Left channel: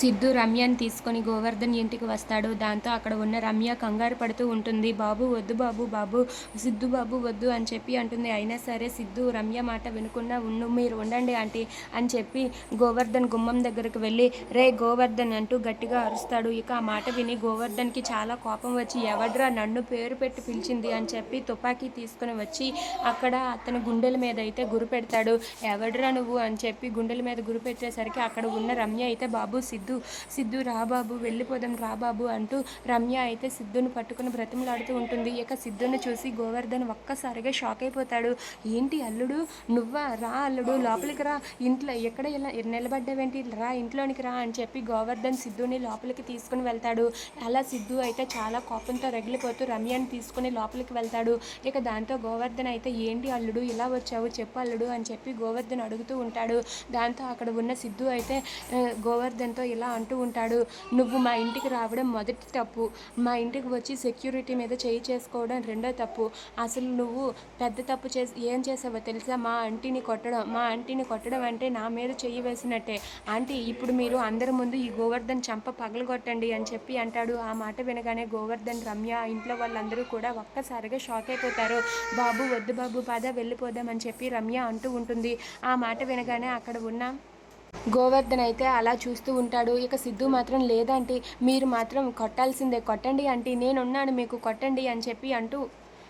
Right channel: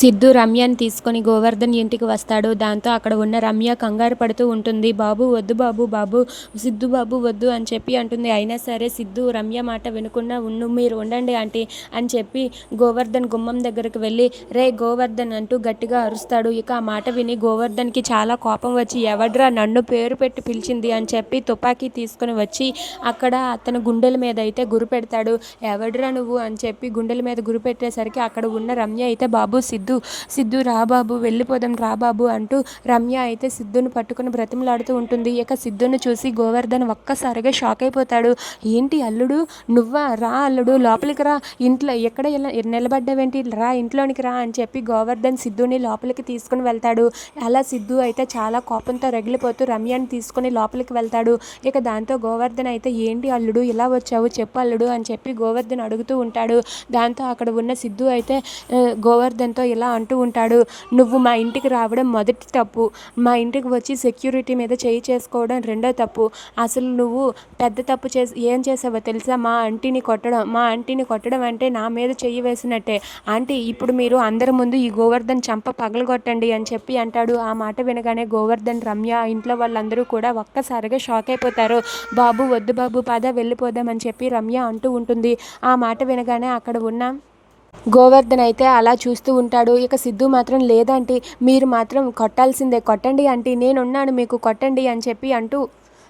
సిద్ధు రమ్యని తీసుకొని గోవర్ధన్ ఇంటికి వస్తాడు. దాంతో అక్కడ ఉన్న రమ్య కంగారు పడుతూ ఉంటుంది. బాబు వద్దు బాబు బాబు సిద్ధు బాబు వద్దు అని చెప్పి అంటుంది. అయినా సరే సిద్ధు రమ్య మాట వినకుండా ఉండు మీరు ఉండండి ఆంటీ అని చెప్పి గోవర్ధన్ గుమ్మం దగ్గరకు వెళ్ళి రే గోవర్ధన్ అంటూ గట్టిగా అరుస్తాడు. ఇక ఆ మాట విని గోవర్ధన్కి చాలా కోపం వచ్చి ఎవడ్రా నన్ను పేరు పెట్టి పిలిచింది అని చెప్పి తుపాకీ తీసుకుని వచ్చి అక్కడ అతని గుండెల మీద అయితే గురి పెడతాడు. ఎవడ్రా నువ్వు అని చెప్పి గుండెల మీద గురి పెట్టేసరికి అక్కడ ఉన్న రమ్య అయితే బాబు సిద్ధు సిద్ధు రా బాబు వెళ్ళిపోదాం రా బాబు అంటూ రమ్య అయితే సిద్ధుని పట్టుకుని బ్రతిమలాడుతూ ఉంటుంది. ఇక సిద్ధుని చూసి గోవర్ధన్ ఒక్కసారిగా షాక్ అయిపోతాడు. ఏంటి అల్లుడు? నువ్వా? రా అల్లుడు లోపలికి రా. ఇంట్లో ఎక్కడ నిలబడ్డావేంటి? రా ఇంట్లోనికి రా అని చెప్పి గోవర్ధన్ సిద్ధుని లోపలికి తీసుకుని వెళ్తాడు. అలా సిద్ధు అయితే చాలా కోపంతో రగిలిపోతూ రమ్యని తీసుకుని లోపలికి వెళ్తాడు. ఇక దాంతో గోవర్ధన్ అయితే ఏంటి అల్లుడు? ఇలా వచ్చావు? చెప్పు అల్లుడు అని చెప్పి గోవర్ధన్ అడుగుతూ ఉంటాడు. దాంతో అక్కడ ఉన్న సిద్ధు అయితే గోవర్ధన్తో ఇలా అంటూ ఉంటాడు నువ్వు మా ఇంటికి రావడం మొదటి తప్పు. మా ఇంటికి వచ్చి సెక్యూరిటీ మీద చేయి చేసుకోవడం రెండో తప్పు. అసలు నువ్వు పెద్ద తప్పు చేసి ఏం చేసావో తెలుసా? మా ఆంటీని కొట్టడం మా ఆంటీని కొట్టడం అంటే నా మీద చెయ్యి వేసినట్టే. ఆంటీ ఇప్పుడు మీరు అందరి ముందు ఈ గోవర్ధన్ చంప పగలగొట్టండి అని చెప్పి అంటాడు. ఆ మాట వినగానే గోవర్ధన్ రమ్య ఇంట్లో వాళ్ళందరూ కూడా ఒక్కసారిగా షాక్ అయిపోతారు. బాబు వద్దు బాబు పద వెళ్ళిపోదాం అని చెప్పి రమ్య అంటూ ఉంటుంది. ఆ మాట వినగానే అక్కడ ఉన్న గోవర్ధన్ అయితే అలా చూస్తూ ఉంటాడు. ఇక సిద్ధు మాత్రం లేదంటే మీరు మాత్రం కొట్టాల్సిందే. కొట్టండి అంటే నేనున్నాను మీకు కొట్టండి అని చెప్పి అంటూ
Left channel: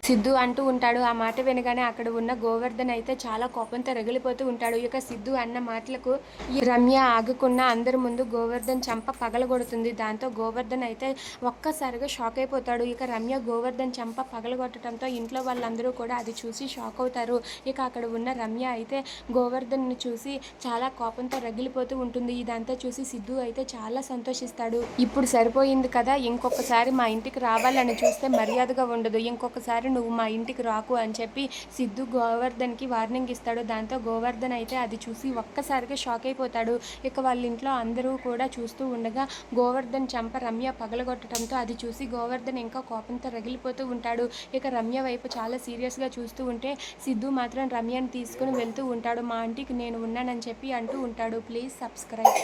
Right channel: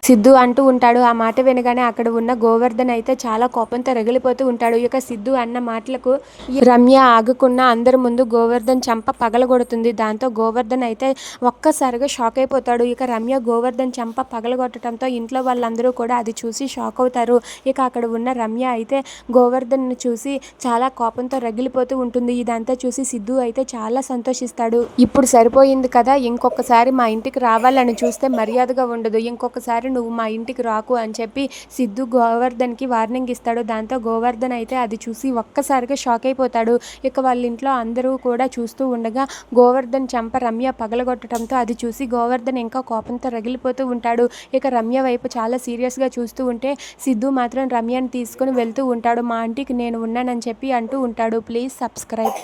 సిద్ధు అంటూ ఉంటాడు. ఆ మాట వినగానే అక్కడ ఉన్న గోవర్ధన్ అయితే చాలా కోపంతో రగిలిపోతూ ఉంటాడు. ఇక సిద్ధు అన్న మాటలకు రమ్య ఆగకుండా అందరి ముందు గోవర్ధన్ చంప పగలగొడుతుంది. దాంతో గోవర్ధన్ అయితే ఒక్కసారిగా షాక్ అయిపోతాడు. ఇక రమ్య గోవర్ధన్ చంప పగలగొట్టడంతో ఇంట్లో వాళ్ళందరూ కూడా అది చూసి షాక్ అవుతారు. ఇక అక్కడ ఉన్న రమ్య అయితే గోవర్ధన్ను చూసి చాలా కోపంతో రగిలిపోతూ ఉంటుంది. ఇదంతా చూసి సిద్ధు అయితే చాలా సంతోషిస్తాడు. ఇప్పుడు సరిపోయింది కదా ఇంకొకసారి మా ఇంటికి రావాలని చూస్తే మర్యాదగా ఉండదు. ఇంకొకసారి నువ్వు మా ఇంటికి రాకు అని చెప్పి సిద్ధు గోవర్ధన్కి వార్నింగ్ ఇస్తాడు. దాంతో గోవర్ధన్ అయితే అది చూసి ఒక్కసారిగా షాక్ అయిపోతాడు. ఇక వాళ్ళ ఇంట్లో అందరూ కూడా చూస్తూ ఉండగా గోవర్ధన్ చంప రమ్య పగలగొట్టడంతో అది చూసి గోవర్ధన్ ఇంకా కోపంతో రగిలిపోతూ ఉంటాడు. ఇక రమ్య వైపు చాలా సీరియస్గా చూస్తూ ఉంటే సిద్ధు మాత్రం రమ్యని తీసుకుని వెళ్తూ ఉంటాడు. మా ఆంటీకి నేను ఉన్నానని చెప్పి అంటూ ఉంటాడు. Please subscribe.